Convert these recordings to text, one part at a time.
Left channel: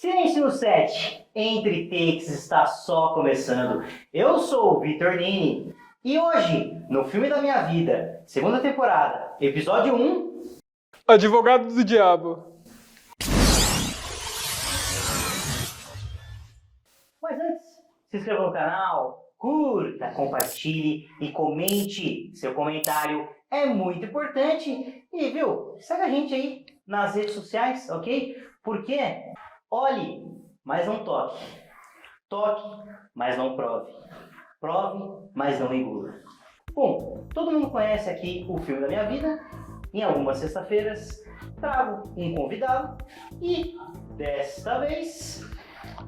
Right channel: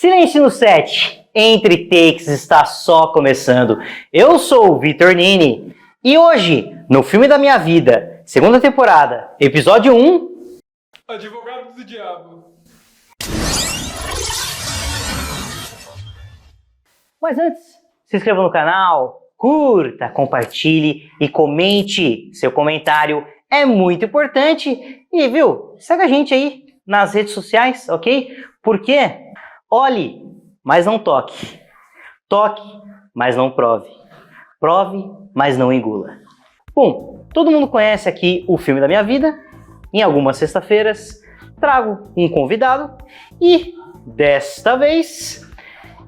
Silêncio no set, Entre Takes está só começando. Eu sou o Vitor Nini e hoje, no Filme da Minha Vida, segunda temporada, episódio 1... Advogado do Diabo. Mas antes, se inscreva no canal, curta, compartilhe e comente. Seu comentário é muito importante. E, viu, segue a gente aí nas redes sociais, ok? Porque olhe, mas não toque. Toque, mas não prove. Prove, mas não engula. Bom, todo mundo conhece aqui o Filme da Minha Vida. Em algumas sextas-feiras, trago um convidado. E, desta vez,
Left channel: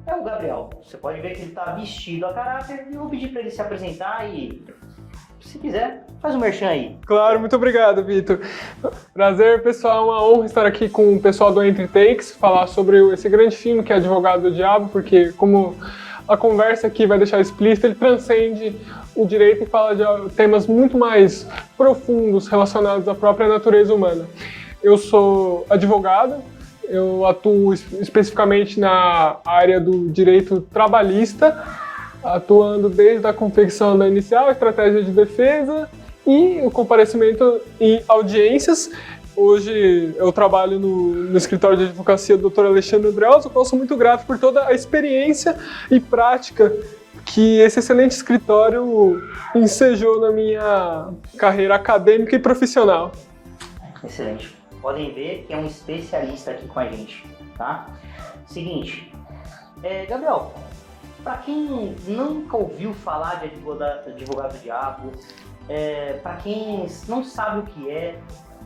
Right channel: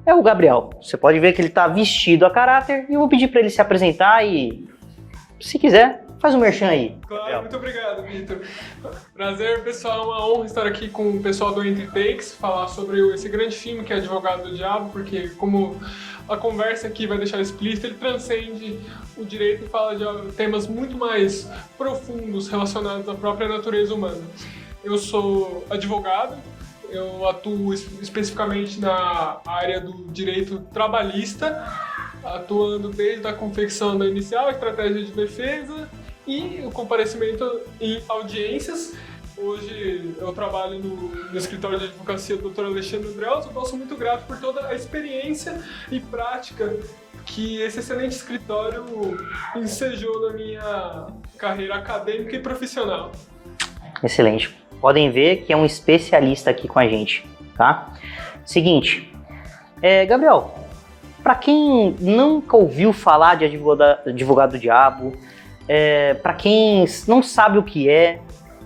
é o Gabriel. Você pode ver que ele está vestido a caráter. E eu vou pedir para ele se apresentar e, se quiser, faz um merchan aí. Claro, muito obrigado, Vitor. Prazer, pessoal. É uma honra estar aqui com o pessoal do Entre Takes, falar sobre esse grande filme que é Advogado do Diabo, porque como a conversa aqui vai deixar explícito, ele transcende o direito e fala de temas muito mais profundos relacionados à própria natureza humana. Eu sou advogado, eu atuo especificamente na área do direito trabalhista, atuando desde a confecção da inicial, a estratégia de defesa e o comparecimento em audiências. Hoje eu trabalho no escritório de advocacia do Dr. Alexandre Andreotti, eu sou muito grato por toda a experiência e prática que esse excelente escritório ensejou na minha carreira acadêmica e profissional. Excelente. Podem ver que é um especialista aqui com a gente, tá? Seguinte, Gabriel, para quem nunca ouviu falar de advogado do diabo, para quem não sabe o que é,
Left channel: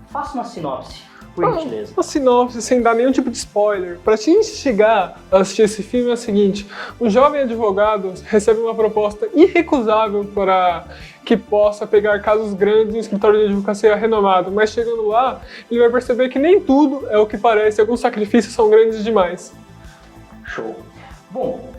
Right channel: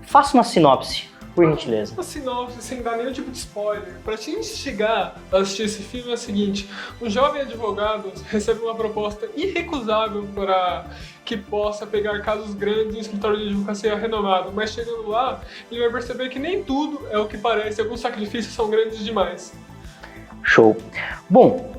faça uma sinopse, por gentileza. Uma sinopse sem dar nenhum tipo de spoiler. Para te instigar a assistir esse filme é o seguinte: um jovem advogado recebe uma proposta irrecusável para que possa pegar casos grandes em um escritório de advocacia renomado, mas chegando lá, ele vai perceber que nem tudo é o que parece, alguns sacrifícios são grandes demais. Show. Bom,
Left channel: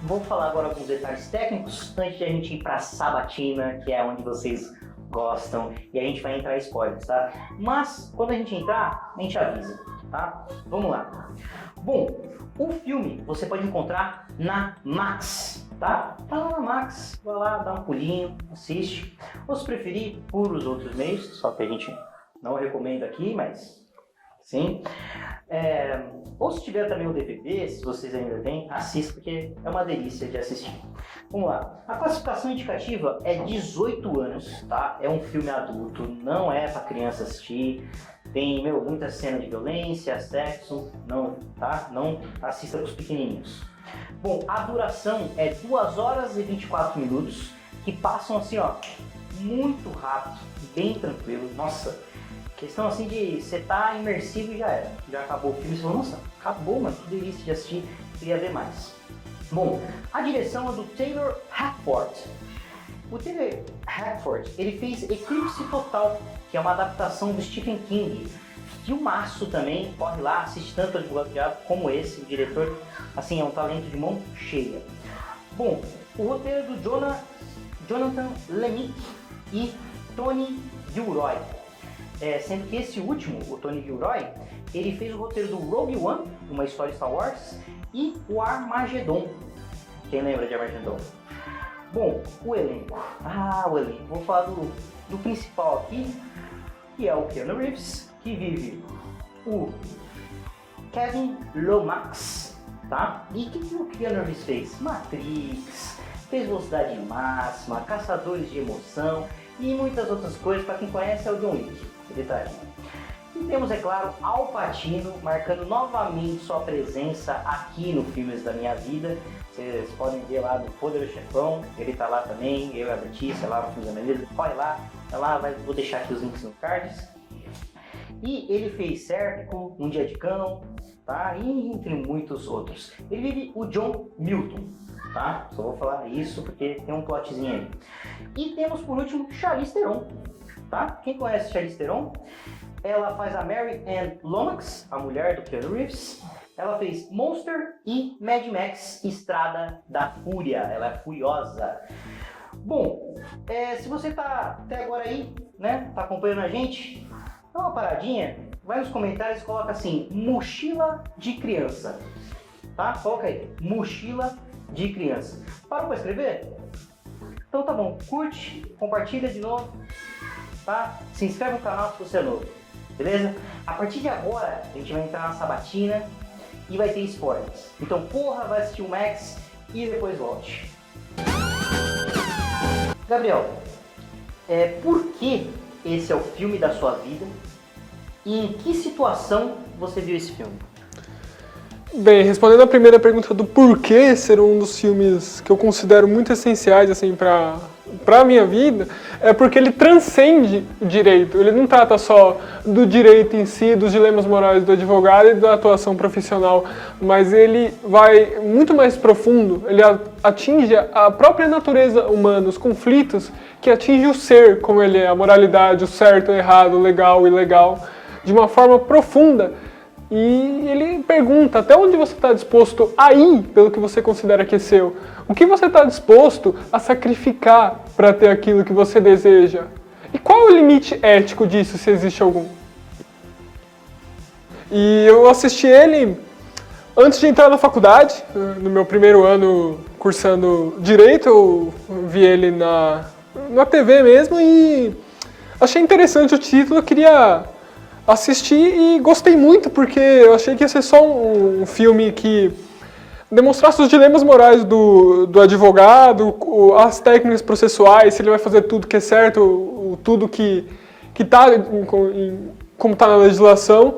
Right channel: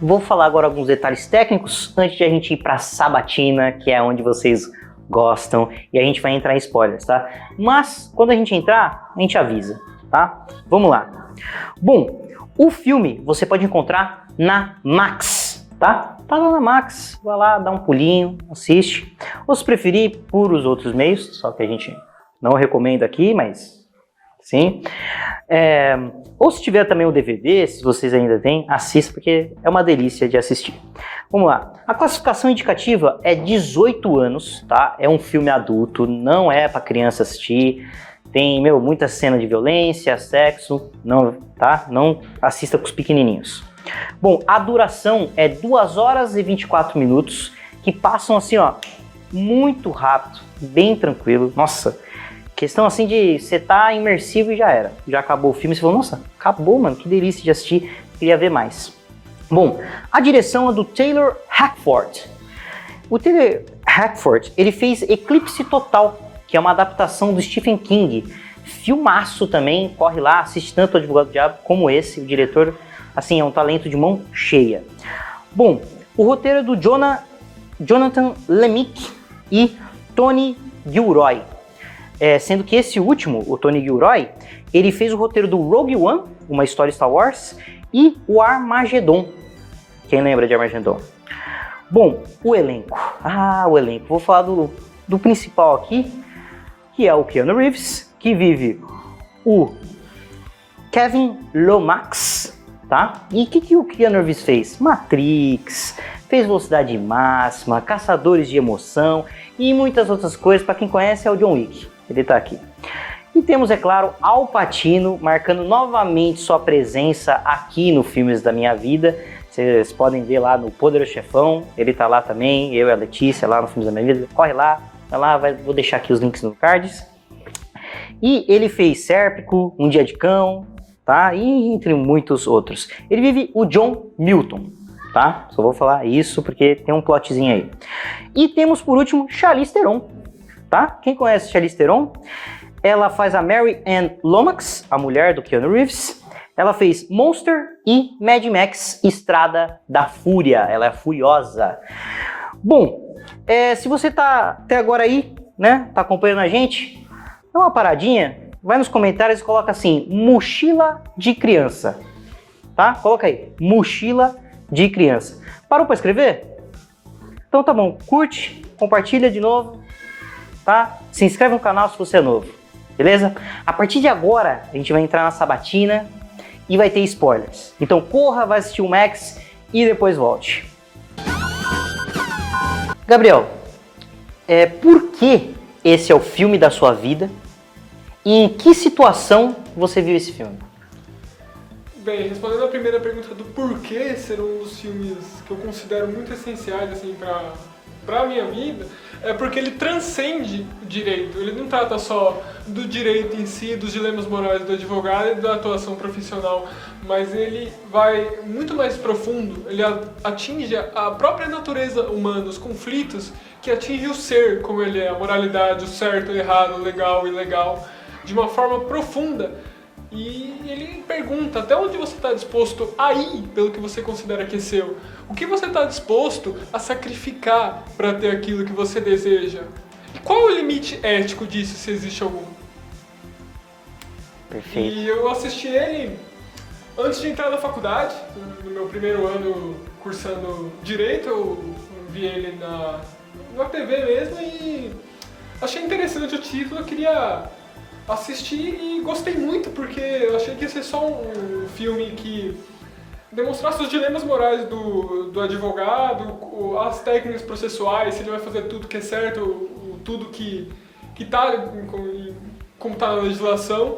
vou falar agora alguns detalhes técnicos antes de a gente ir para a sabatina, que é onde vocês gostam, e a gente vai entrar em spoilers, tá? Mas quando a gente entrar, a gente avisa, tá? Vamos lá. Bom, o filme você pode encontrar na Max, tá? Tá lá na Max, vai lá, dá um pulinho, assiste. Ou se preferir, por os outros meios, só que a gente não recomenda aqui, mas sim. Ou se tiver também o DVD, se vocês ainda têm, assista, porque é uma delícia de assistir. Vamos lá. A classificação indicativa é 18 anos, tá? É um filme adulto, não é para criança assistir. Tem, muita cena de violência, sexo, não, tá? Não assista com os pequenininhos. Bom, a duração é 2 horas e 24 minutos, que passam assim, ó, muito rápido, bem tranquilo. Nossa, questão assim de você tá imersivo e já era. Já acabou o filme, você falou, nossa, acabou, mano, que delícia de assistir, queria ver mais. Bom, a direção é do Taylor Hackford. O Taylor Hackford, ele fez Eclipse Total, que é uma adaptação do Stephen King. Filmaço também, corre lá, assiste tanto o Advogado do Diabo como esse. O diretor, assim, é um talento de mão cheia. Bom, o roteiro é do Jonathan Lemick e Tony Gilroy. Sendo que esse último, o Tony Gilroy, ele fez o roteiro do Rogue One, uma história Star Wars, e o Armageddon. Quem lembra de Armageddon? Bom, o elenco. O elenco. Vou falar do principal aqui, que é o Keanu Reeves, que vive o Kevin Lomax, tá? E o que o Keanu Reeves fez? Matrix, fez Velocidade Máxima, Caçadores de Emoção e muitas outras coisas. Para quem conhece, é o John Wick. Ele tá aqui. E temos, é claro, Al Pacino marcando novamente sua presença aqui no Filmes da Minha Vida. Vocês podem ver lá no Poderoso Chefão, ele tá lá também, eu e a Letícia lá no Filmes da Minha Vida. Corre lá, vai lá, vou deixar aqui os links no cards. E ele fez Sérpico, Um Dia de Cão, tá? E entre muitos outros. Ele vive o John Milton, tá? Só vou falar isso porque tem um plotzinho aí. E temos por último Charlize Theron, tá? Quem conhece Charlize Theron? Ela faz a Mary Ann Lomax, a mulher do Keanu Reeves. Ela fez Monster e Mad Max Estrada da Fúria. Ela é furiosa. Bom, se você tá até agora aí, né, tá acompanhando a gente, dá uma paradinha, vai nos comentários e coloca assim, mochila de criança. tá? Coloca aí, mochila de criança. Parou para escrever? Então tá bom, curte, compartilha de novo, tá? Se inscreve no canal se você é novo, beleza? A partir de agora, a gente vai entrar na sabatina e vai ter spoilers. Então corra, vai assistir o Max e depois volte. Gabriel, por que esse é o filme da sua vida e em que situação você viu esse filme? Bem, respondendo a primeira pergunta do porquê ser um dos filmes que eu considero muito essenciais assim para a minha vida, é porque ele transcende o direito. Ele não trata só do direito em si, dos dilemas morais do advogado e da atuação profissional, mas ele vai muito mais profundo, ele atinge a própria natureza humana, os conflitos que atinge o ser como ele é, a moralidade, o certo, o errado, o legal, o ilegal, de uma forma profunda. E ele pergunta até onde você está disposto a ir pelo que você considera que é seu. O que você está disposto a sacrificar para ter aquilo que você deseja? E qual é o limite ético disso, se existe algum? Perfeito. E eu assisti ele antes de entrar na faculdade, no meu primeiro ano cursando Direito, eu vi ele na TV mesmo e achei interessante o título, eu queria assisti e gostei muito, porque eu achei que ia ser só um filme que demonstrasse os dilemas morais do advogado, as técnicas processuais, se ele vai fazer tudo que é certo, tudo que está como está na legislação.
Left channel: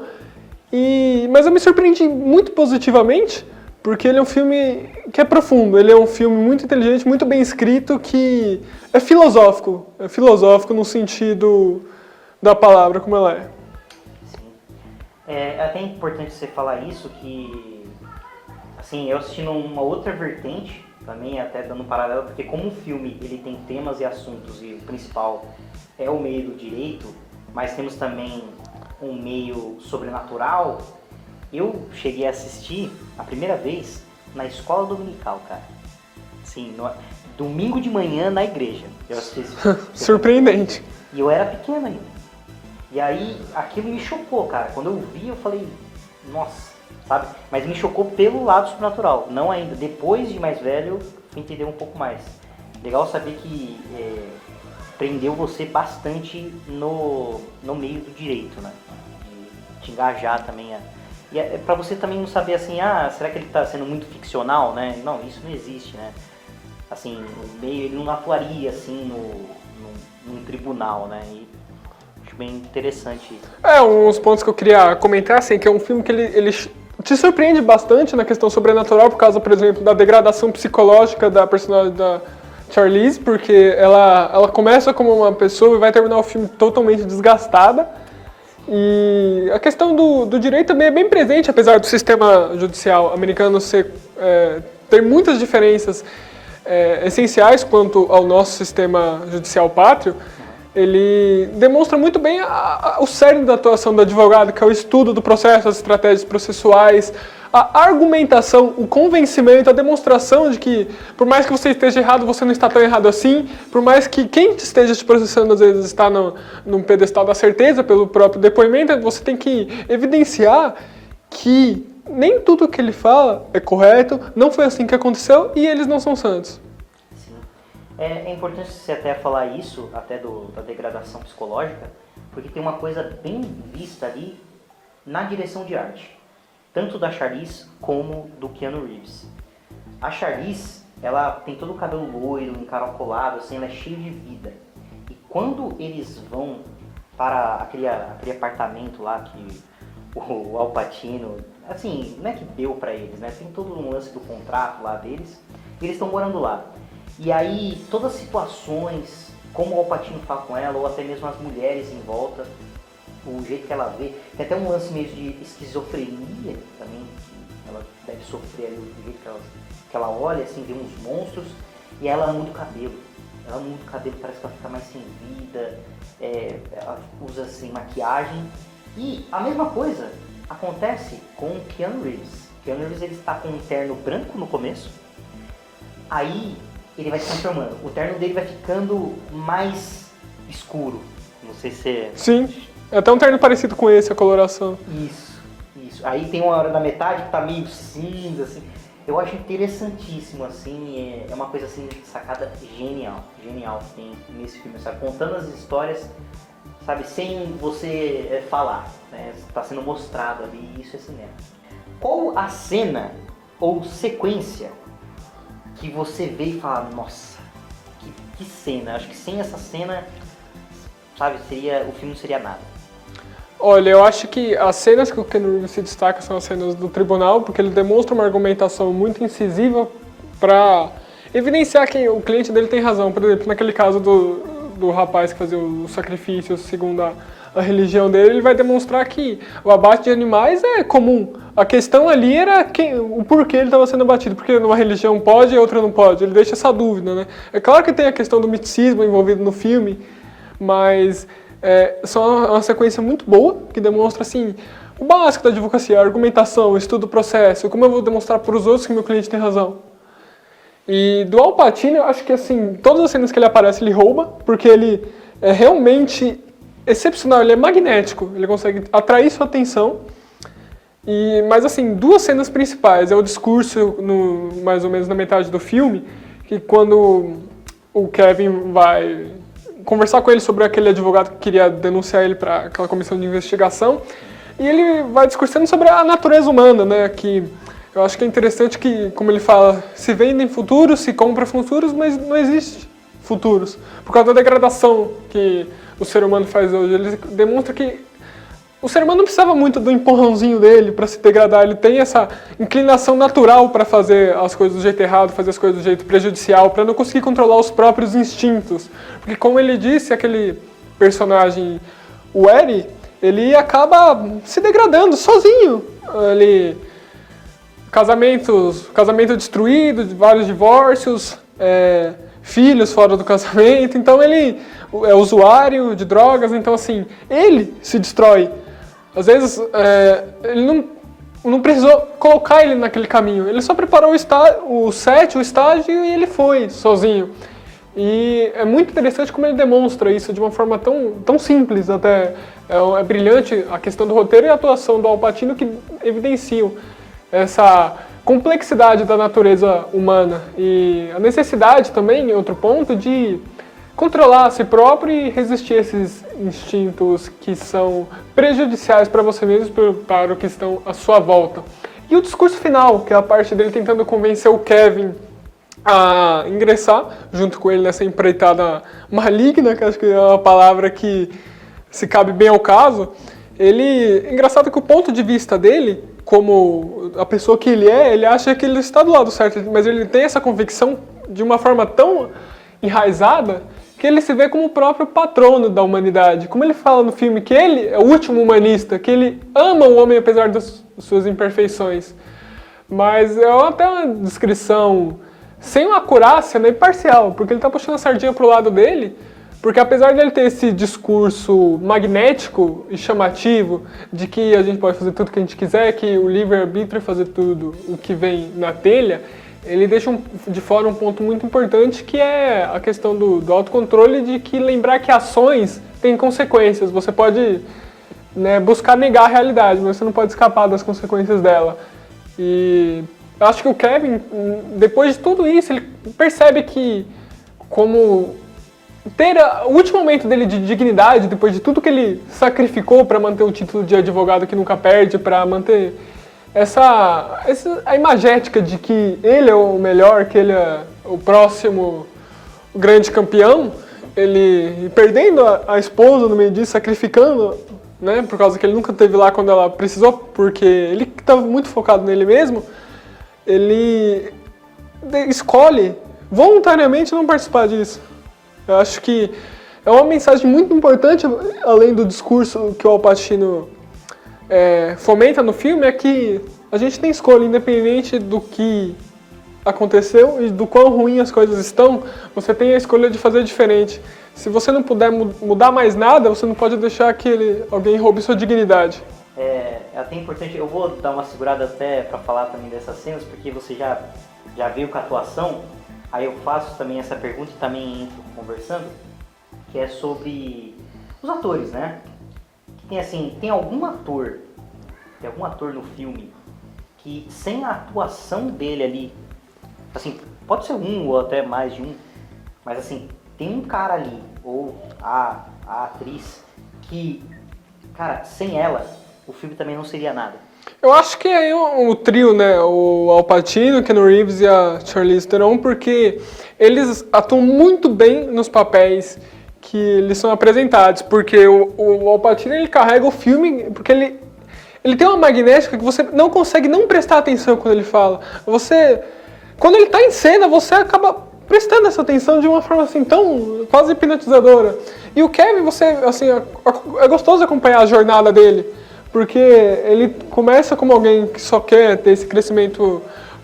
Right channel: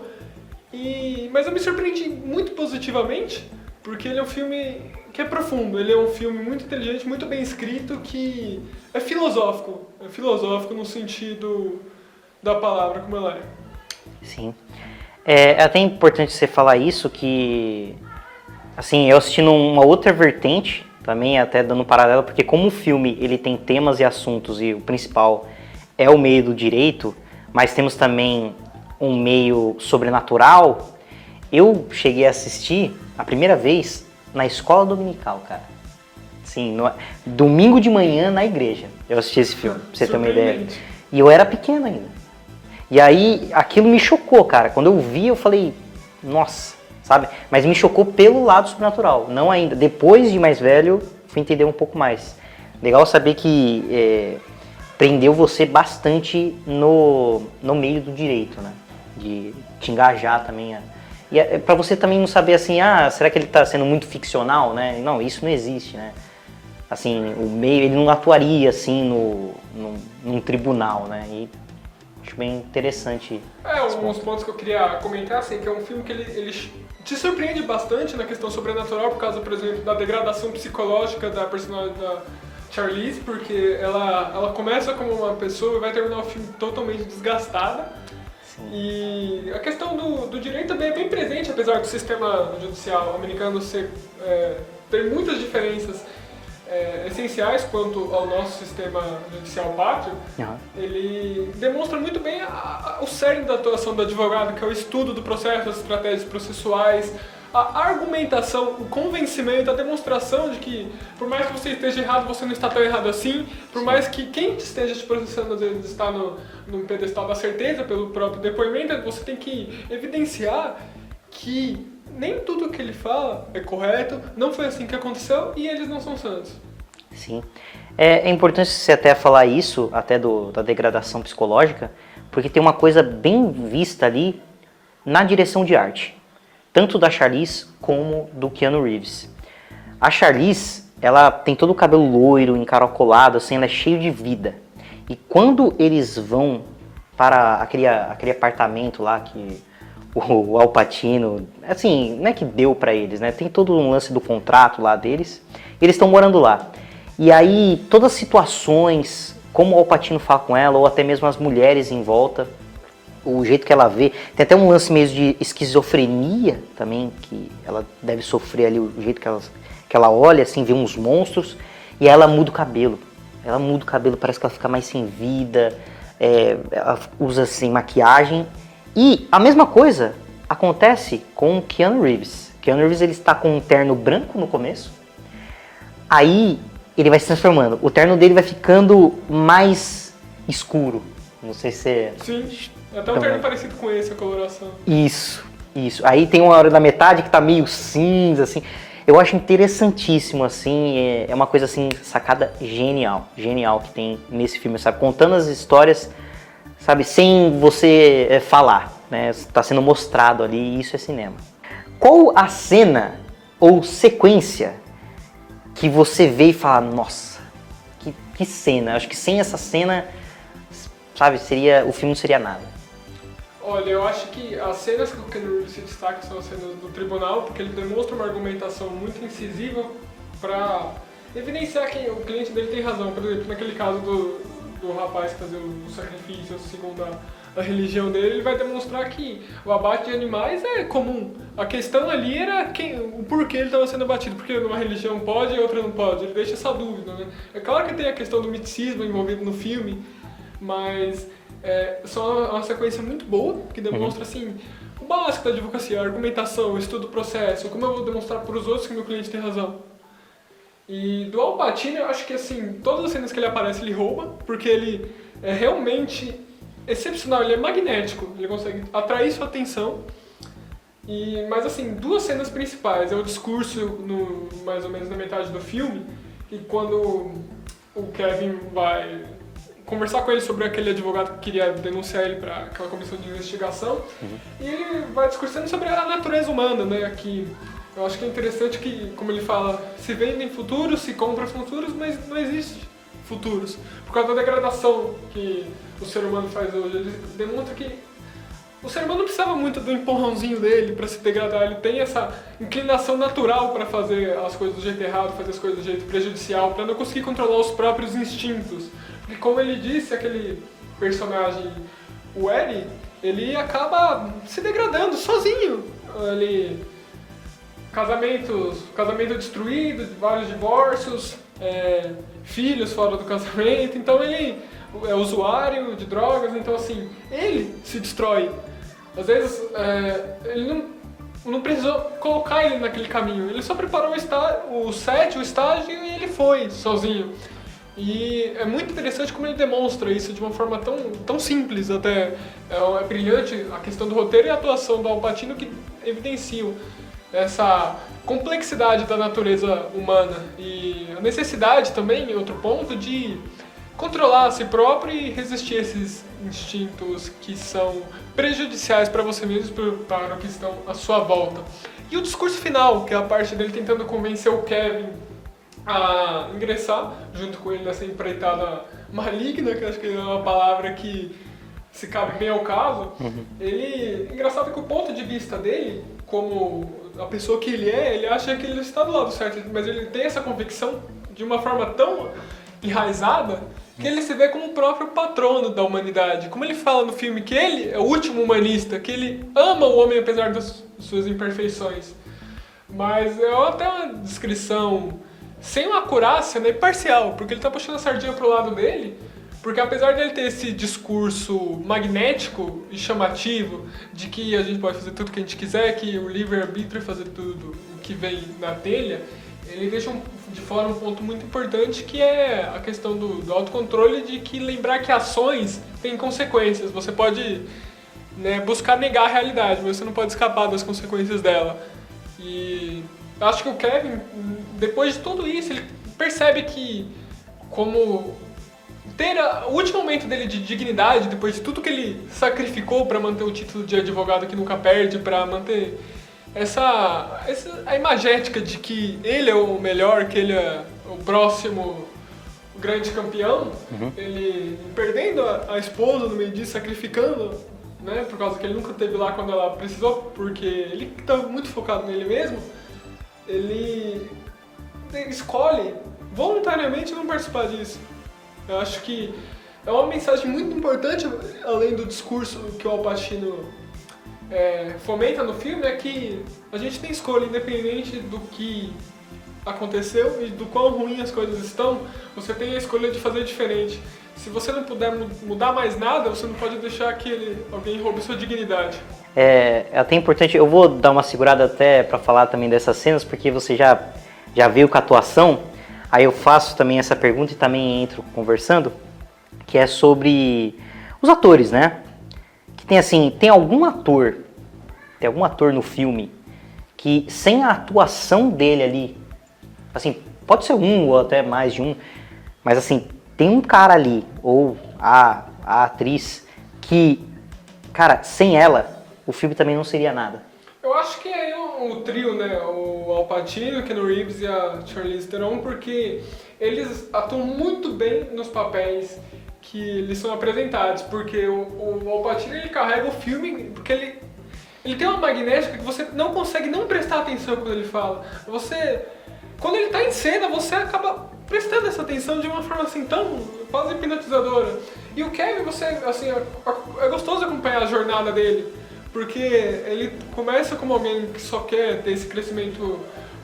Mas eu me surpreendi muito positivamente, porque ele é um filme que é profundo, ele é um filme muito inteligente, muito bem escrito, que é filosófico no sentido da palavra como ela é. Sim. É até importante você falar isso, que assim, eu assistindo uma outra vertente, também até dando um paralelo, porque como o filme ele tem temas e assuntos, e o principal é o meio do direito, mas temos também um meio sobrenatural, eu cheguei a assistir a primeira vez na escola dominical, cara. Assim, domingo de manhã na igreja. Eu assisti esse filme. Surpreendente. E eu era pequeno ainda. E aí, aquilo me chocou, cara. Quando eu vi, eu falei, nossa, sabe? Mas me chocou pelo lado sobrenatural, não ainda. Depois de mais velho, fui entender um pouco mais. Legal saber que prendeu você bastante no meio do direito, né? De te engajar também. E pra você também não saber assim, será que ele tá sendo muito ficcional, né? Não, isso não existe, né? Assim, o meio, ele não atuaria assim num tribunal, né? E acho bem interessante. Uns pontos que eu queria comentar, assim, que é um filme que ele te surpreende bastante na questão sobrenatural, por causa, por exemplo, da degradação psicológica da personagem da Charlize, porque ela começa como uma pessoa e vai terminar o filme totalmente desgastada. E a questão do direito também é bem presente, apesar do sistema judicial americano ter muitas diferenças essenciais quanto ao nosso sistema judicial pátrio. Ele demonstra muito bem o cerne da atuação do advogado, que é o estudo do processo, as estratégias processuais, a argumentação, o convencimento, a demonstração de que, por mais que você esteja errado, você não está tão errado assim, por mais que quem esteja te processando às vezes está num pedestal da certeza pelo próprio depoimento, você tem que evidenciar que nem tudo que ele fala é correto, não foi assim que aconteceu e eles não são santos. Sim. É importante você até falar isso, até da degradação psicológica, porque tem uma coisa bem vista ali na direção de arte, tanto da Charlize como do Keanu Reeves. A Charlize, ela tem todo o cabelo loiro, encaracolado, assim, ela é cheia de vida. E quando eles vão para aquele apartamento lá que o Al Pacino, assim, não é que deu para eles, né? Tem todo um lance do contrato lá deles, e eles estão morando lá. E aí, todas as situações, como o Al Pacino fala com ela, ou até mesmo as mulheres em volta, o jeito que ela vê, tem até um lance mesmo de esquizofrenia também, que ela deve sofrer ali, o jeito que ela olha, assim, vê uns monstros, e ela muda o cabelo. Ela muda o cabelo, parece que ela fica mais sem vida, ela usa, assim, maquiagem. E a mesma coisa acontece com o Keanu Reeves. Keanu Reeves, ele está com um terno branco no começo, aí ele vai se transformando. O terno dele vai ficando mais escuro. Não sei se Sim, é até um terno parecido com esse, a coloração. Isso. Isso. Aí tem uma hora da metade que tá meio cinza, assim. Eu acho interessantíssimo, assim, é uma coisa, assim, sacada genial que tem nesse filme, sabe? Contando as histórias, sabe, sem você falar, né? Tá sendo mostrado ali e isso é cinema. Qual a cena ou sequência que você vê e fala, nossa, que cena? Acho que sem essa cena, sabe, o filme não seria nada. Olha, eu acho que as cenas que o Keanu Reeves se destaca são as cenas do tribunal, porque ele demonstra uma argumentação muito incisiva para evidenciar que o cliente dele tem razão. Por exemplo, naquele caso do rapaz que fazia o sacrifício segundo a religião dele, ele vai demonstrar que o abate de animais é comum. A questão ali era o porquê ele estava sendo abatido, porque numa religião pode e outra não pode. Ele deixa essa dúvida, né? É claro que tem a questão do miticismo envolvido no filme, mas só uma sequência muito boa, que demonstra assim, o básico da advocacia, a argumentação, o estudo do processo, como eu vou demonstrar para os outros que meu cliente tem razão. E do Al Pacino, eu acho que assim, todas as cenas que ele aparece, ele rouba, porque ele é realmente excepcional, ele é magnético, ele consegue atrair sua atenção. Mas assim, duas cenas principais, é o discurso mais ou menos na metade do filme, que quando o Kevin vai conversar com ele sobre aquele advogado que queria denunciar ele para aquela comissão de investigação, e ele vai discursando sobre a natureza humana, né, que eu acho que é interessante que, como ele fala, se vendem futuros, se compra futuros, mas não existe futuros, por causa da degradação que o ser humano faz hoje. Ele demonstra que o ser humano não precisava muito do empurrãozinho dele para se degradar, ele tem essa inclinação natural para fazer as coisas do jeito errado, fazer as coisas do jeito prejudicial, para não conseguir controlar os próprios instintos. Porque como ele disse, aquele personagem, o Eri, ele acaba se degradando sozinho. Casamento destruído, vários divórcios, filhos fora do casamento, então ele é usuário de drogas, então assim, ele se destrói. Às vezes, ele não precisou colocar ele naquele caminho, ele só preparou o estágio e ele foi sozinho. E é muito interessante como ele demonstra isso de uma forma tão simples até. É brilhante a questão do roteiro e a atuação do Al Pacino que evidenciam essa complexidade da natureza humana e a necessidade também, outro ponto, de controlar a si próprio e resistir a esses instintos que são prejudiciais para você mesmo e para o que estão à sua volta. E o discurso final, que é a parte dele tentando convencer o Kevin a ingressar junto com ele nessa empreitada maligna, que acho que é uma palavra que se cabe bem ao caso. Engraçado que o ponto de vista dele, como a pessoa que ele acha que ele está do lado certo, mas ele tem essa convicção de uma forma tão enraizada que ele se vê como o próprio patrono da humanidade. Como ele fala no filme que ele é o último humanista, que ele ama o homem apesar das suas imperfeições. Mas é até uma descrição sem uma acurácia, né, parcial, porque ele está puxando a sardinha pro lado dele, porque apesar de ele ter esse discurso magnético e chamativo de que a gente pode fazer tudo o que a gente quiser, que o livre-arbítrio é fazer tudo o que vem na telha, ele deixa de fora um ponto muito importante, que é a questão do autocontrole, de que lembrar que ações têm consequências. Você pode, né, buscar negar a realidade, mas você não pode escapar das consequências dela. E eu acho que o Kevin, depois de tudo isso, ele percebe que como ter o último momento dele de dignidade, depois de tudo que ele sacrificou para manter o título de advogado que nunca perde, para manter a imagética de que ele é o melhor, que ele é o próximo grande campeão, ele perdendo a esposa no meio disso, sacrificando, né, por causa que ele nunca esteve lá quando ela precisou, porque ele estava muito focado nele mesmo, ele escolhe voluntariamente não participar disso. Eu acho que é uma mensagem muito importante, além do discurso que o Al Pacino fomenta no filme, é que a gente tem escolha, independente do que aconteceu e do quão ruim as coisas estão, você tem a escolha de fazer diferente. Se você não puder mudar mais nada, você não pode deixar que alguém roube sua dignidade. É até importante, eu vou dar uma segurada até para falar também dessas cenas, porque você já viu com a atuação, aí eu faço também essa pergunta e também entro conversando, que é sobre os atores, né? Que tem algum ator tem algum ator no filme que sem a atuação dele ali, assim, pode ser um ou até mais de um, mas assim, tem um cara ali, ou a atriz, que, cara, sem ela, o filme também não seria nada. Eu acho que aí o trio, né, o Al Pacino, o Keanu Reeves e a Charlize Theron, porque eles atuam muito bem nos papéis que eles são apresentados, porque o Al Pacino, ele carrega o filme, porque ele tem uma magnética que você não consegue não prestar atenção quando ele fala. Quando ele está em cena, você acaba prestando essa atenção de uma forma assim tão quase hipnotizadora. E o Kevin, assim, é gostoso acompanhar a jornada dele, porque ele começa como alguém que só quer ter esse crescimento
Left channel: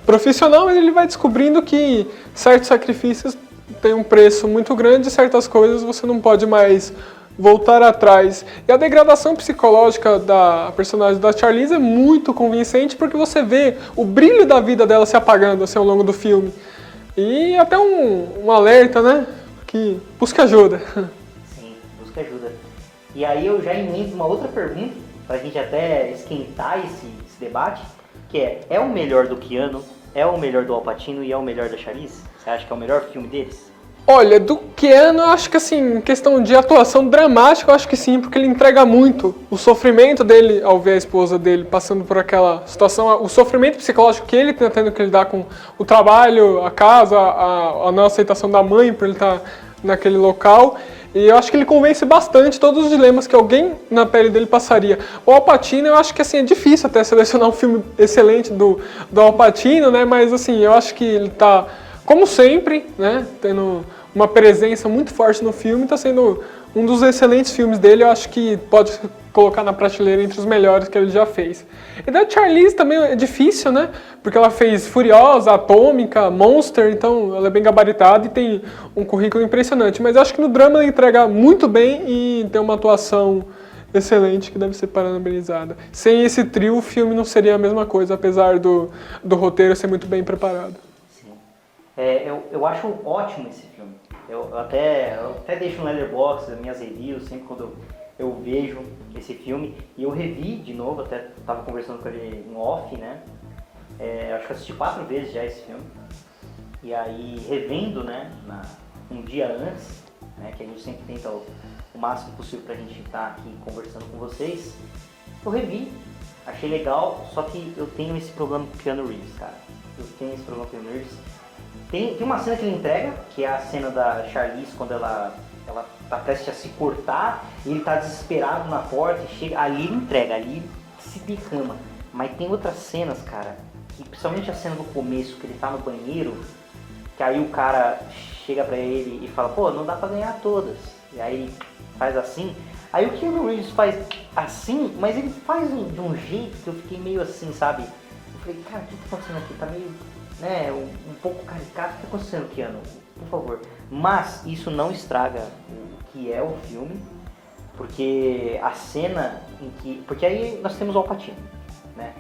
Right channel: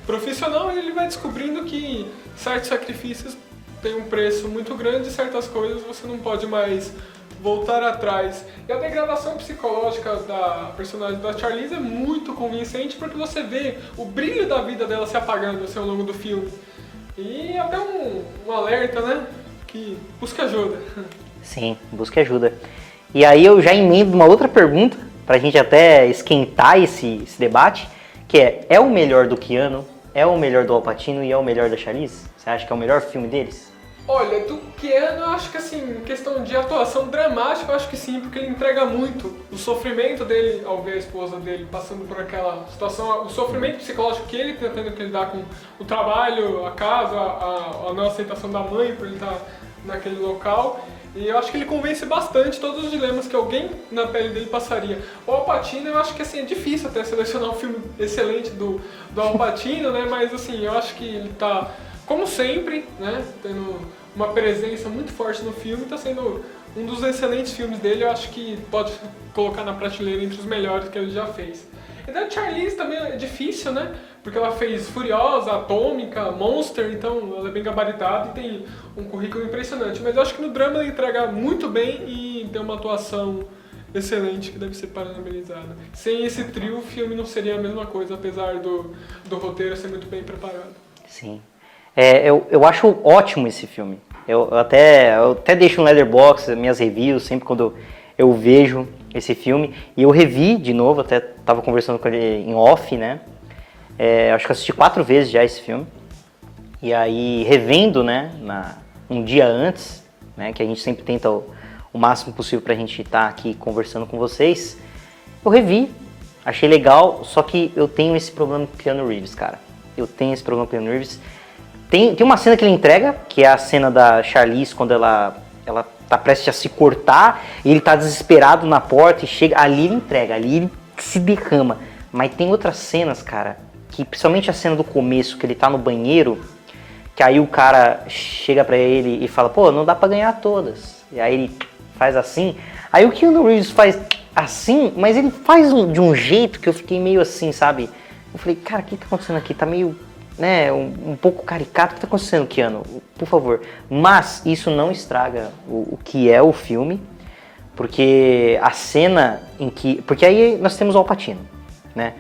profissional, mas ele vai descobrindo que certos sacrifícios têm um preço muito grande e certas coisas você não pode mais voltar atrás. E a degradação psicológica da personagem da Charlize é muito convincente, porque você vê o brilho da vida dela se apagando assim, ao longo do filme. E até um alerta, né? Que busque ajuda. Sim, busque ajuda. E aí eu já emendo uma outra pergunta, pra gente até esquentar esse debate, que é o melhor do Keanu, é o melhor do Al Pacino e é o melhor da Charlize? Você acha que é o melhor filme deles? Olha, do Keanu, eu acho que assim, em questão de atuação dramática, eu acho que sim, porque ele entrega muito. O sofrimento dele ao ver a esposa dele passando por aquela situação, o sofrimento psicológico que ele está tendo que lidar com o trabalho, a casa, a não aceitação da mãe por ele estar naquele local. E eu acho que ele convence bastante todos os dilemas que alguém na pele dele passaria. O Al Pacino, eu acho que assim, é difícil até selecionar um filme excelente do Al Pacino, né? Mas assim, eu acho que ele tá, como sempre, né, tendo uma presença muito forte no filme, está sendo um dos excelentes filmes dele. Eu acho que pode colocar na prateleira entre os melhores que ele já fez. E da Charlize também é difícil, né? Porque ela fez Furiosa, Atômica, Monster, então ela é bem gabaritada e tem um currículo impressionante. Mas eu acho que no drama ela entrega muito bem e tem uma atuação excelente que deve ser parabenizada. Sem esse trio, o filme não seria a mesma coisa, apesar do roteiro ser muito bem preparado. Sim. Eu acho ótimo esse filme. Eu até deixo no Letterboxd minhas reviews sempre quando eu vejo esse filme. E eu revi de novo, até estava conversando com ele em off, né? Acho que eu assisti 4 vezes já esse filme. E aí, revendo, né, um dia antes, né, que a gente sempre tenta o máximo possível pra gente estar aqui conversando com vocês, eu revi, achei legal, só que eu tenho esse problema com o Keanu Reeves, cara. Eu tenho esse problema com o Keanu Reeves. Tem uma cena que ele entrega, que é a cena da Charlize, quando ela tá prestes a se cortar, e ele tá desesperado na porta, e chega, ali ele entrega, ali ele se derrama. Mas tem outras cenas, cara, que principalmente a cena do começo, que ele tá no banheiro, que aí o cara chega pra ele e fala, pô, não dá pra ganhar todas. E aí ele faz assim, aí o Keanu Reeves faz assim, mas ele faz de um jeito que eu fiquei meio assim, sabe? Eu falei, cara, o que tá acontecendo aqui? Tá meio, né, um pouco caricato. O que tá acontecendo, Keanu? Por favor. Mas isso não estraga o que é o filme, porque a cena em que... Porque aí nós temos o Al Pacino, né?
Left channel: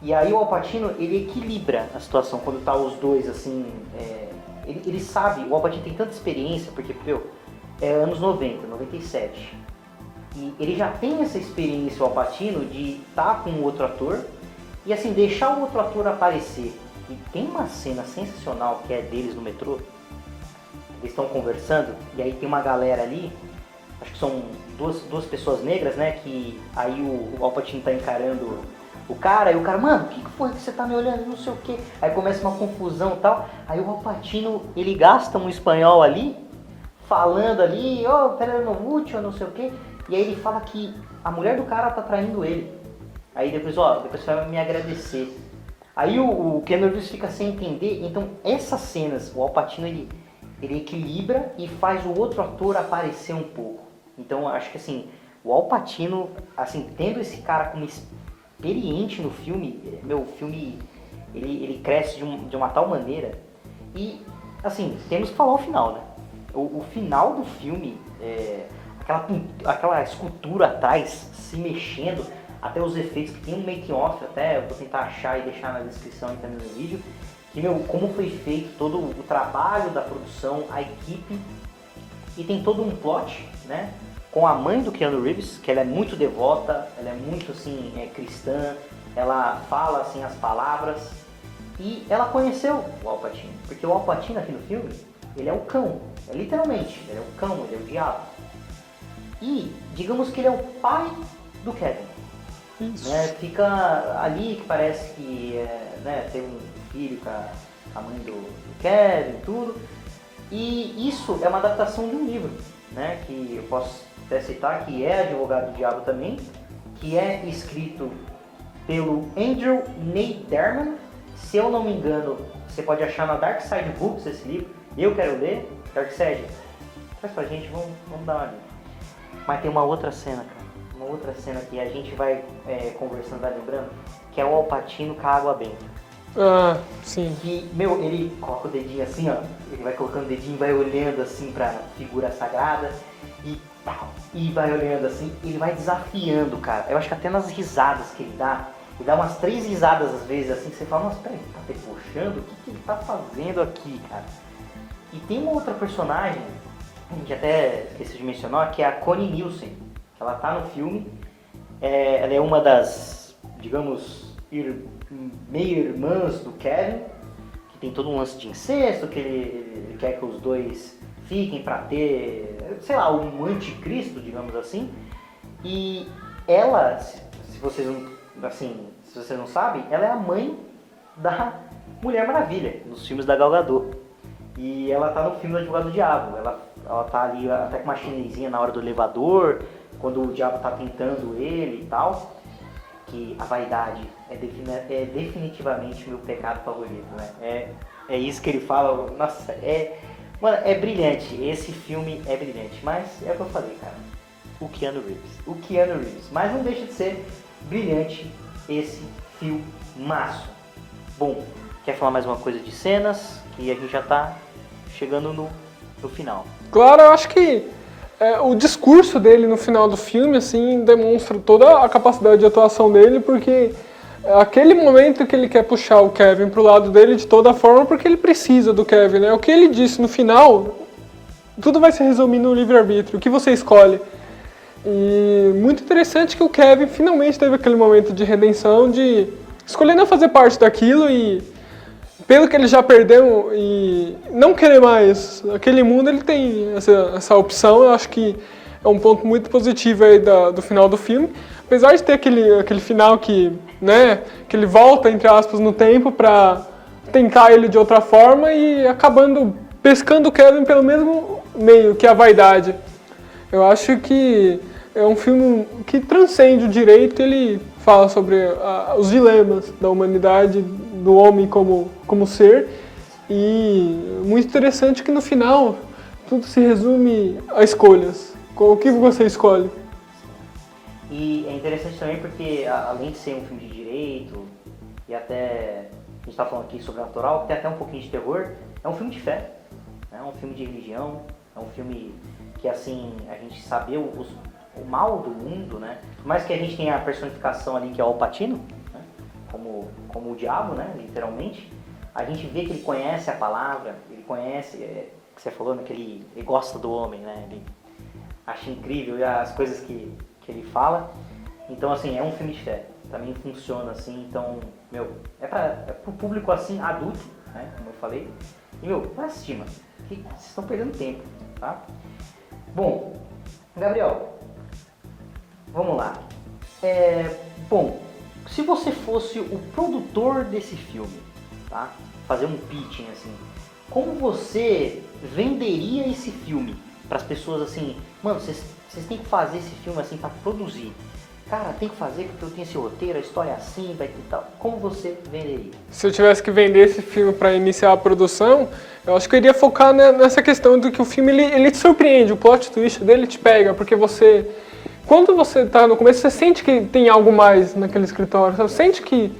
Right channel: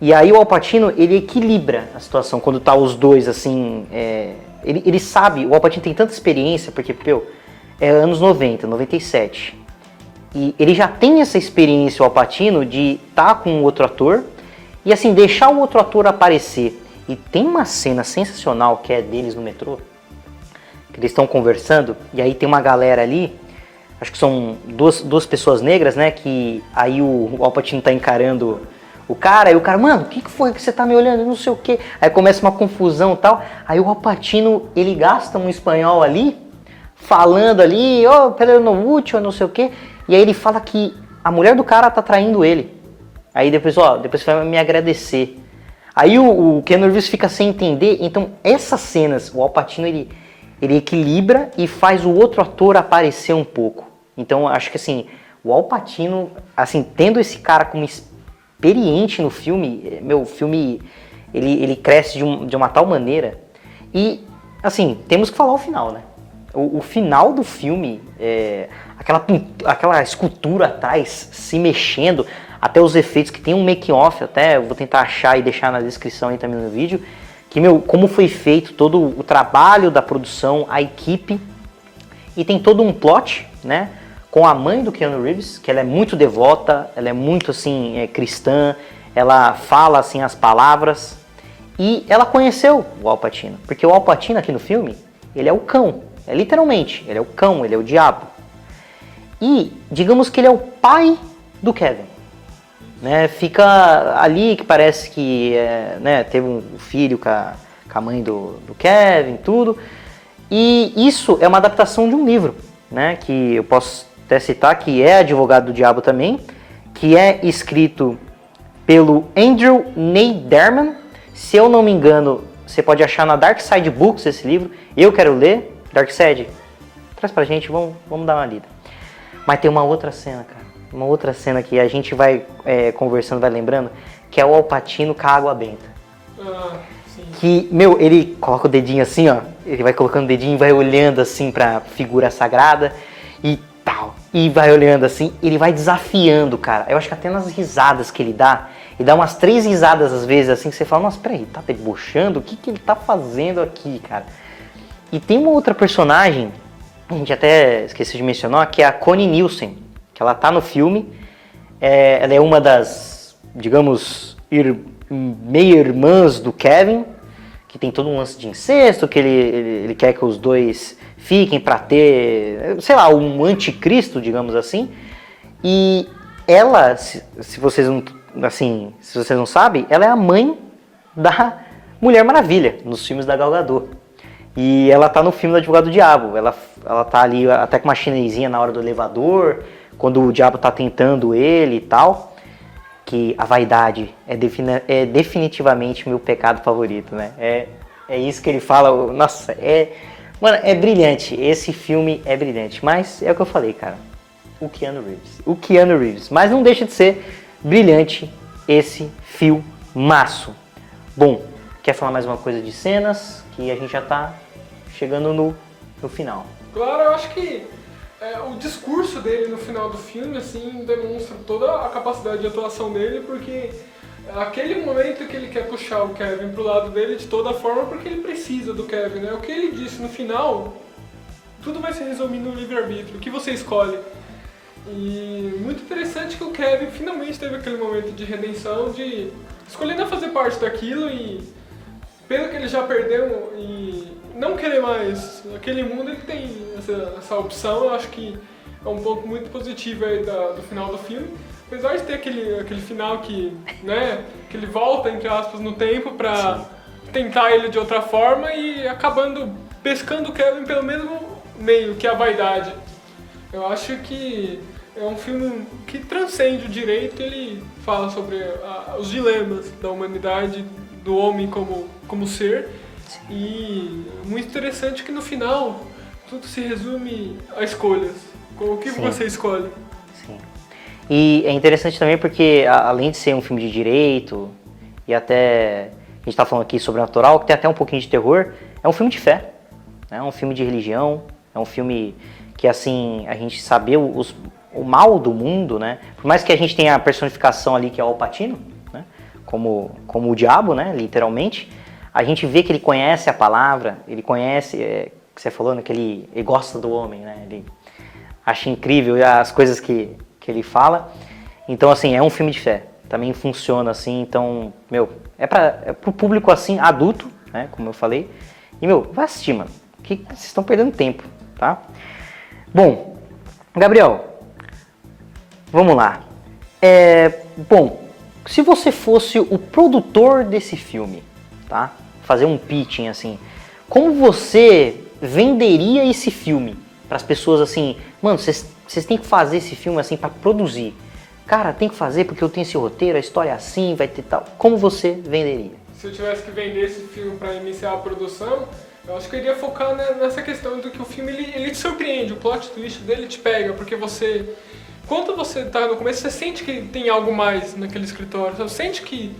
E aí o Al Pacino, ele equilibra a situação quando tá os dois, assim... Ele sabe, o Al Pacino tem tanta experiência, porque, é anos 90, 97. E ele já tem essa experiência, o Al Pacino, de estar com o outro ator e, assim, deixar o outro ator aparecer. E tem uma cena sensacional que é deles no metrô, que eles estão conversando, e aí tem uma galera ali, acho que são duas pessoas negras, né, que aí o Al Pacino tá encarando o cara, e o cara, mano, o que foi que você tá me olhando, não sei o que. Aí começa uma confusão e tal, aí o Al Pacino, ele gasta um espanhol ali, falando ali, pero no mucho, não sei o que, e aí ele fala que a mulher do cara tá traindo ele. Aí depois você vai me agradecer. Aí o Keanu Reeves fica sem entender, então essas cenas, o Al Pacino, ele equilibra e faz o outro ator aparecer um pouco. Então acho que assim, o Al Pacino, assim, tendo esse cara como experiente no filme, o filme, ele cresce de uma tal maneira. E, assim, temos que falar o final, né? O final do filme, aquela escultura atrás se mexendo, até os efeitos, que tem um make-off, até eu vou tentar achar e deixar na descrição aí também no vídeo, que, como foi feito todo o trabalho da produção, a equipe, e tem todo um plot, né, com a mãe do Keanu Reeves, que ela é muito devota, ela é muito assim, cristã, ela fala assim as palavras, e ela conheceu o Al Pacino, porque o Al Pacino aqui no filme, ele é o cão, literalmente, ele é o cão, ele é o diabo. E digamos que ele é o pai do Kevin. Né, fica ali que parece que né, teve um filho com a mãe do Kevin, tudo. E isso é uma adaptação de um livro, né, que eu posso até citar, que é Advogado do Diabo também, que é escrito pelo Andrew Neiderman. Se eu não me engano, você pode achar na Dark Side Books esse livro. Eu quero ler. Dark Side, traz pra gente, vamos dar uma lida. Mas tem uma outra cena, cara. Uma outra cena que a gente vai conversando, vai lembrando, que é o Al Pacino com a água benta. Ah, sim. Que, ele coloca o dedinho assim, ó. Ele vai colocando o dedinho e vai olhando assim pra figura sagrada e tal. E vai olhando assim, ele vai desafiando, cara. Eu acho que até nas risadas que ele dá umas 3 risadas às vezes assim, que você fala, nossa, peraí, tá debochando? O que ele tá fazendo aqui, cara? E tem uma outra personagem, a gente até esqueceu de mencionar, que é a Connie Nielsen, que ela tá no filme. Ela é uma das, digamos, meia-irmãs do Kevin, que tem todo um lance de incesto, que ele quer que os dois fiquem pra ter, sei lá, um anticristo, digamos assim. E ela, se vocês não sabem, ela é a mãe da Mulher Maravilha, nos filmes da Gal Gadot. E ela tá no filme do Advogado do Diabo. Ela tá ali até com uma chinesinha na hora do elevador, quando o diabo tá tentando ele e tal. Que a vaidade é definitivamente meu pecado favorito, né? É isso que ele fala. Nossa, mano, é brilhante. Esse filme é brilhante. Mas é o que eu falei, cara. O Keanu Reeves. Mas não deixa de ser brilhante esse filmaço. Bom, quer falar mais uma coisa de cenas? Que a gente já tá chegando no final. Claro, eu acho que o discurso dele no final do filme, assim, demonstra toda a capacidade de atuação dele, porque é aquele momento que ele quer puxar o Kevin pro lado dele de toda forma, porque ele precisa do Kevin, né? O que ele disse no final, tudo vai se resumir no livre-arbítrio, o que você escolhe. E muito interessante que o Kevin finalmente teve aquele momento de redenção, de escolher não fazer parte daquilo e, pelo que ele já perdeu e não querer mais aquele mundo, ele tem essa opção. Eu acho que é um ponto muito positivo aí do final do filme. Apesar de ter aquele final que ele volta, entre aspas, no tempo pra tentar ele de outra forma e acabando pescando o Kevin pelo mesmo meio que a vaidade. Eu acho que é um filme que transcende o direito, ele fala sobre os dilemas da humanidade, do homem como ser, e muito interessante que no final tudo se resume a escolhas. O que você escolhe? Sim. E é interessante também porque, além de ser um filme de direito, e até a gente está falando aqui sobrenatural, que tem até um pouquinho de terror, é um filme de fé, né? É um filme de religião, é um filme que, assim, a gente saber o mal do mundo, né? Por mais que a gente tenha a personificação ali que é o Al Pacino, né? Como o diabo, né? Literalmente, a gente vê que ele conhece a palavra, ele conhece, que você falou, né? Que ele gosta do homem, né? Ele acha incrível as coisas que ele fala. Então, assim, é um filme de fé. Também funciona assim, então, é pro público, assim, adulto, né? Como eu falei. E, vai assistir, mano. Que vocês estão perdendo tempo, tá? Bom, Gabriel, vamos lá. Bom, se você fosse o produtor desse filme, tá? Fazer um pitching assim, como você venderia esse filme para as pessoas assim? Mano, vocês têm que fazer esse filme assim para produzir. Cara, tem que fazer porque eu tenho esse roteiro, a história é assim, vai ter tal. Como você venderia? Se eu tivesse que vender esse filme para iniciar a produção, eu acho que eu iria focar nessa questão do que o filme ele te surpreende, o plot twist dele te pega, porque quando você tá no começo, você sente que tem algo mais naquele escritório, você sente que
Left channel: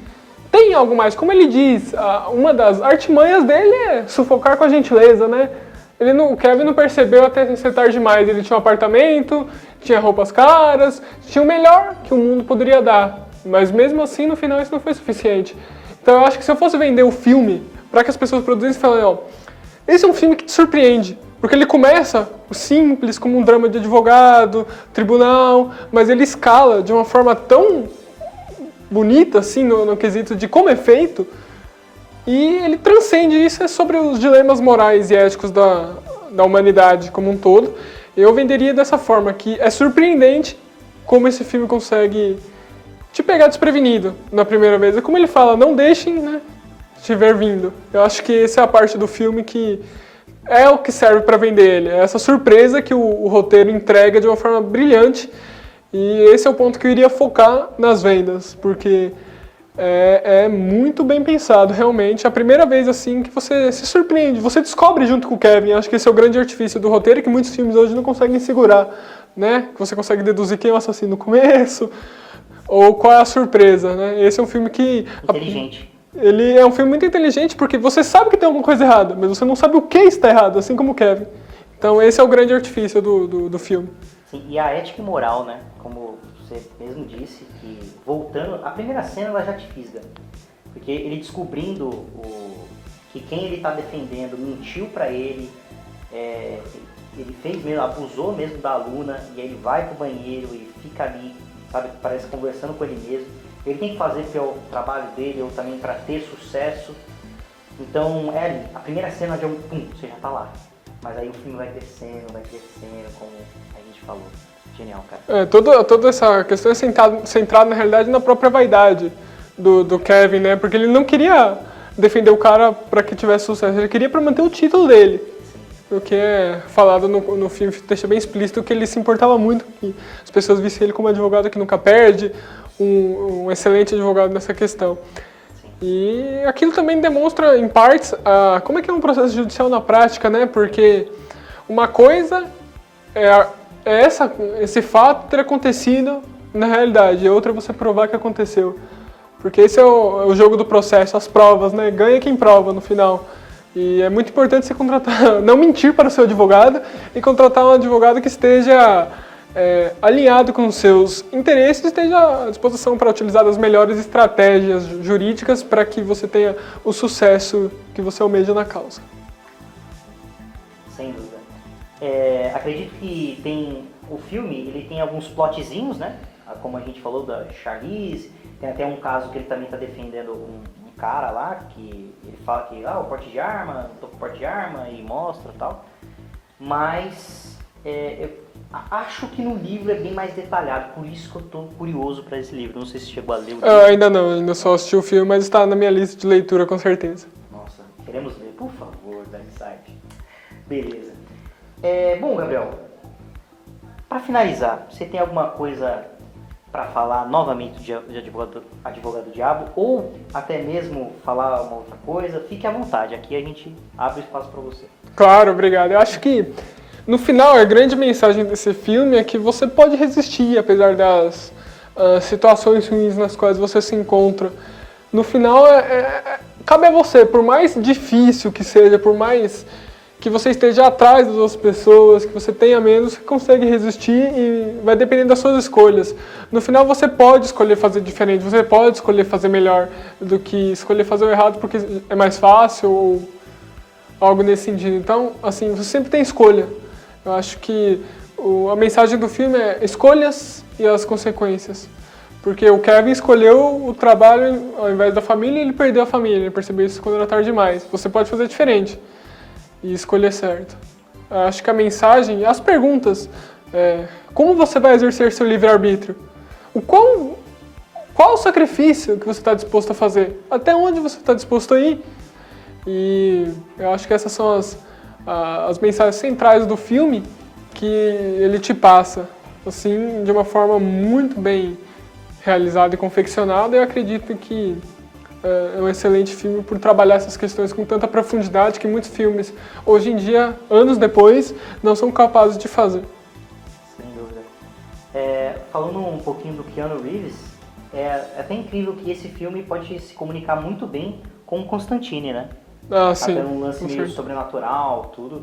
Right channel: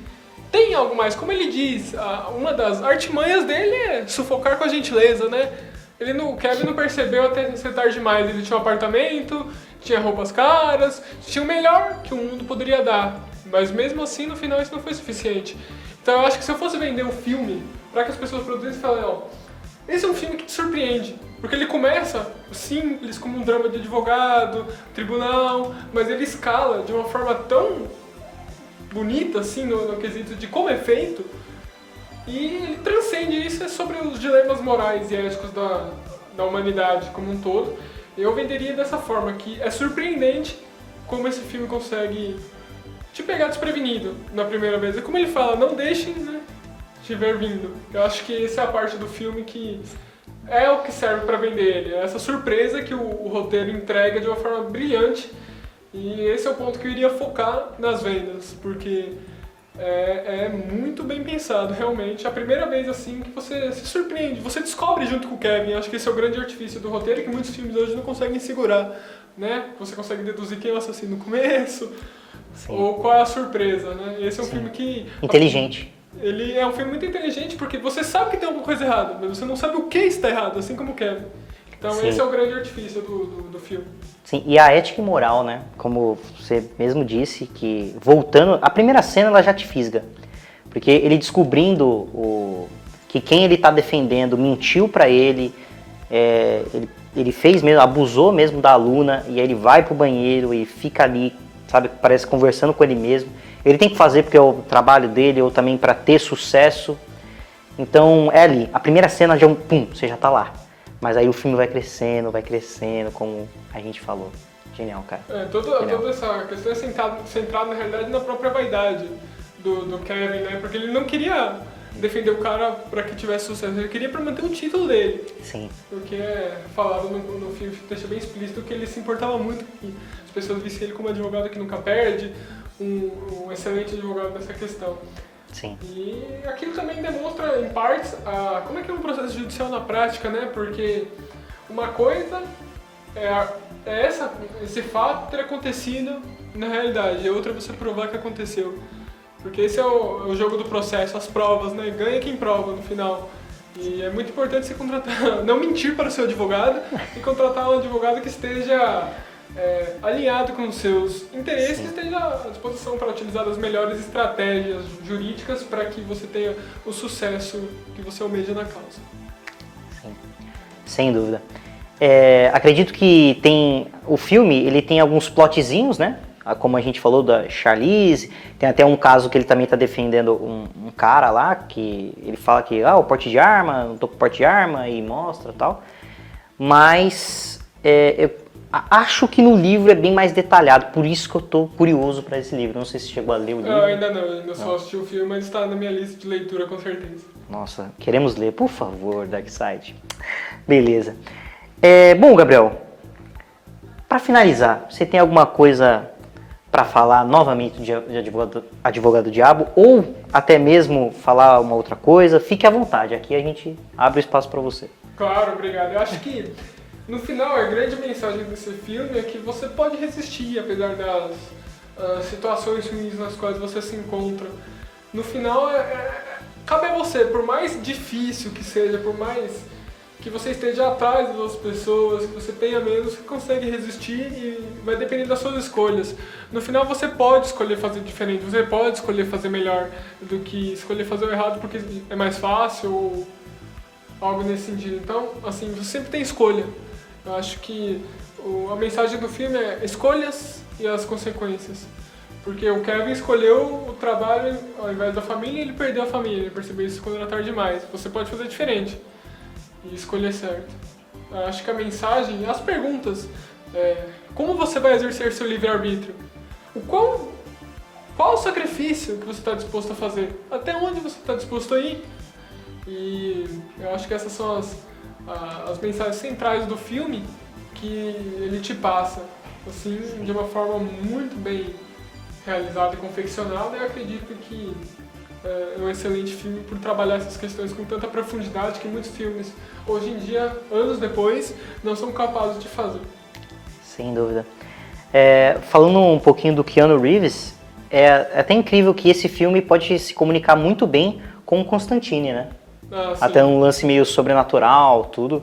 tem algo mais. Como ele diz, uma das artimanhas dele é sufocar com a gentileza, né? O Kevin não percebeu até ser tarde demais. Ele tinha um apartamento, tinha roupas caras, tinha o melhor que o mundo poderia dar. Mas mesmo assim, no final, isso não foi suficiente. Então eu acho que se eu fosse vender um filme para que as pessoas produzissem, falaram, esse é um filme que te surpreende. Porque ele começa simples, como um drama de advogado, tribunal, mas ele escala de uma forma tão bonita, assim, no quesito de como é feito, e ele transcende isso, é sobre os dilemas morais e éticos da humanidade como um todo. Eu venderia dessa forma, que é surpreendente como esse filme consegue te pegar desprevenido na primeira vez. É como ele fala, não deixem, né, estiver vindo. Eu acho que essa é a parte do filme que é o que serve para vender ele. É essa surpresa que o roteiro entrega de uma forma brilhante. E esse é o ponto que eu iria focar nas vendas, porque é muito bem pensado, realmente. A primeira vez, assim, que você se surpreende, você descobre junto com o Kevin. Acho que esse é o grande artifício do roteiro, que muitos filmes hoje não conseguem segurar, né? Que você consegue deduzir quem é o assassino no começo, ou qual é a surpresa, né? Esse é um filme que... Inteligente. Ele é um filme muito inteligente, porque você sabe que tem alguma coisa errada, mas você não sabe o que está errado, assim como o Kevin. Então Sim. esse é o grande artifício do filme. Sim, e a ética e moral, né? Como você mesmo disse, que voltando... A primeira cena, ela já te fisga. Porque ele descobrindo que quem ele tá defendendo mentiu pra ele, ele fez mesmo, abusou mesmo da aluna, e aí ele vai pro banheiro e fica ali, sabe, parece conversando com ele mesmo. Ele tem que fazer porque é o trabalho dele, ou também pra ter sucesso. Então é ali, a primeira cena já pum, você já tá lá. Mas aí o filme vai crescendo, como a gente falou. Genial, cara. Toda essa questão é centrada na realidade na própria vaidade do Kevin, né? Porque ele não queria defender o cara para que tivesse sucesso, ele queria para manter o título dele. Sim. O que é falado no filme deixa bem explícito que ele se importava muito, que as pessoas vissem ele como um advogado que nunca perde, um excelente advogado nessa questão. Sim. E aquilo também demonstra, em partes, como é que é um processo judicial na prática, né? Porque uma coisa é esse fato ter acontecido na realidade, e outra é você provar que aconteceu. Porque esse é o jogo do processo, as provas, né? Ganha quem prova no final. E é muito importante você contratar, não mentir para o seu advogado e contratar um advogado que esteja alinhado com os seus interesses e esteja à disposição para utilizar as melhores estratégias jurídicas para que você tenha o sucesso que você almeja na causa. Sem dúvida. Acredito que o filme ele tem alguns plotzinhos, né? Como a gente falou da Charlize, tem até um caso que ele também está defendendo um cara lá, que ele fala que o porte de arma, não tô com porte de arma, e mostra e tal. Mas eu acho que no livro é bem mais detalhado, por isso que eu tô curioso para esse livro. Não sei se chegou a ler o livro. Ainda não, ainda só assisti o filme, mas está na minha lista de leitura com certeza. Nossa, queremos ler, por favor, Darkseid. Beleza. Bom, Gabriel, para finalizar, você tem alguma coisa para falar novamente de Advogado Diabo, ou até mesmo falar uma outra coisa? Fique à vontade, aqui a gente abre espaço para você. Claro, obrigado. Eu acho que no final a grande mensagem desse filme é que você pode resistir, apesar das situações ruins nas quais você se encontra. No final, cabe a você, por mais difícil que seja, por mais que você esteja atrás das outras pessoas, que você tenha menos, você consegue resistir e vai dependendo das suas escolhas. No final você pode escolher fazer diferente, você pode escolher fazer melhor do que escolher fazer o errado porque é mais fácil ou algo nesse sentido. Então, assim, você sempre tem escolha. Eu acho que a mensagem do filme é escolhas e as consequências. Porque o Kevin escolheu o trabalho ao invés da família e ele perdeu a família. Ele percebeu isso quando era tarde demais. Você pode fazer diferente e escolher certo. Eu acho que a mensagem, as perguntas, como você vai exercer seu livre-arbítrio? Qual o sacrifício que você está disposto a fazer? Até onde você está disposto a ir? E eu acho que essas são as mensagens centrais do filme que ele te passa, assim, de uma forma muito bem realizada e confeccionada. Eu acredito que é um excelente filme por trabalhar essas questões com tanta profundidade que muitos filmes, hoje em dia, anos depois, não são capazes de fazer. Sem dúvida. Falando um pouquinho do Keanu Reeves, é até incrível que esse filme pode se comunicar muito bem com o Constantine, né? Sim, até um lance meio sobrenatural, tudo.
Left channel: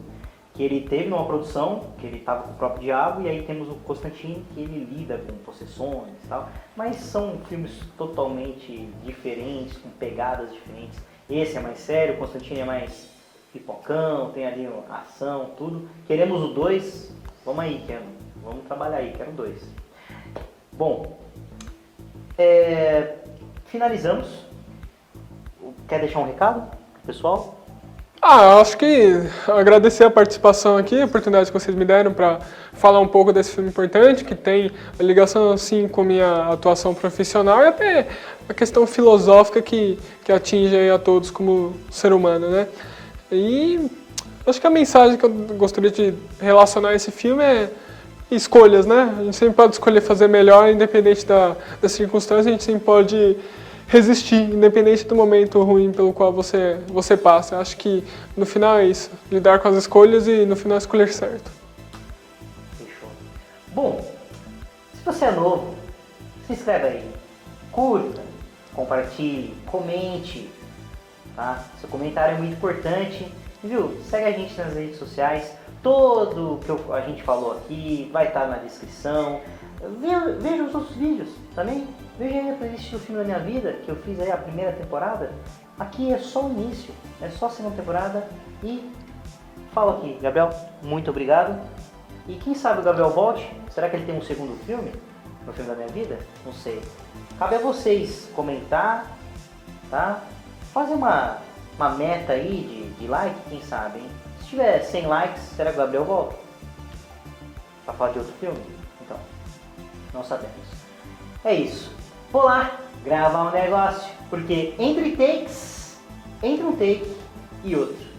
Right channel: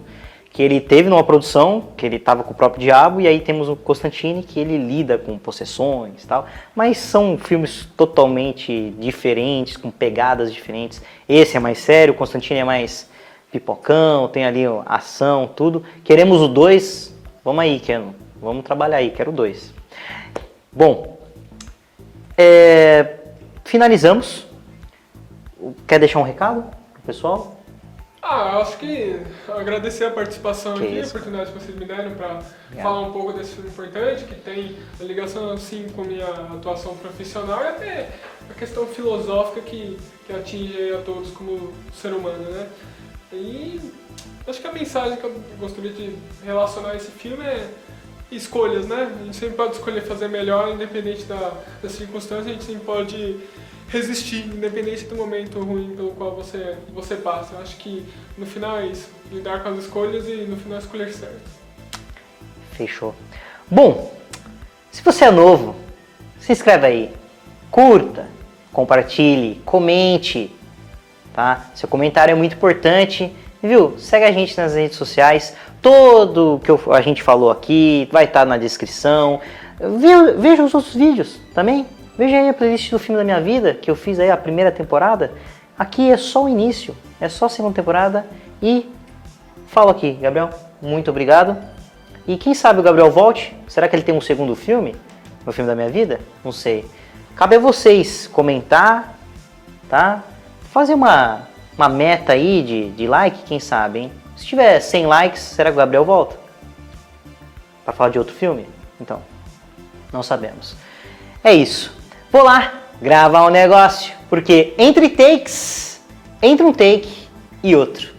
Que ele teve numa produção, que ele estava com o próprio diabo, e aí temos o Constantine, que ele lida com possessões e tal. Mas são filmes totalmente diferentes, com pegadas diferentes. Esse é mais sério, o Constantine é mais pipocão, tem ali ó, ação, tudo. Queremos o 2, vamos aí, vamos trabalhar aí, quero o 2. Bom, finalizamos. Quer deixar um recado pro pessoal? Acho que agradecer a participação aqui, a oportunidade que vocês me deram para falar um pouco desse filme importante, que tem a ligação assim com minha atuação profissional e até a questão filosófica que atinge aí a todos como ser humano, né? E acho que a mensagem que eu gostaria de relacionar a esse filme é escolhas, né? A gente sempre pode escolher fazer melhor, independente da circunstância, a gente sempre pode resistir, independente do momento ruim pelo qual você passa. Eu acho que no final é isso, lidar com as escolhas e no final escolher certo. Fechou. Bom, se você é novo, se inscreve aí, curta, compartilhe, comente, tá? Seu comentário é muito importante, viu? Segue a gente nas redes sociais, tudo que a gente falou aqui vai estar na descrição. Veja os outros vídeos também. Veja aí a playlist do filme da minha vida, que eu fiz aí a primeira temporada. Aqui é só o início, é só a segunda temporada. E falo aqui, Gabriel, muito obrigado. E quem sabe o Gabriel volte? Será que ele tem um segundo filme? No filme da minha vida? Não sei. Cabe a vocês comentar, tá? Fazer uma meta aí de like, quem sabe, hein? Se tiver 100 likes, será que o Gabriel volta? Pra falar de outro filme? Então, não sabemos. É isso. Vou lá gravar um negócio, porque entre takes, entre um take e outro,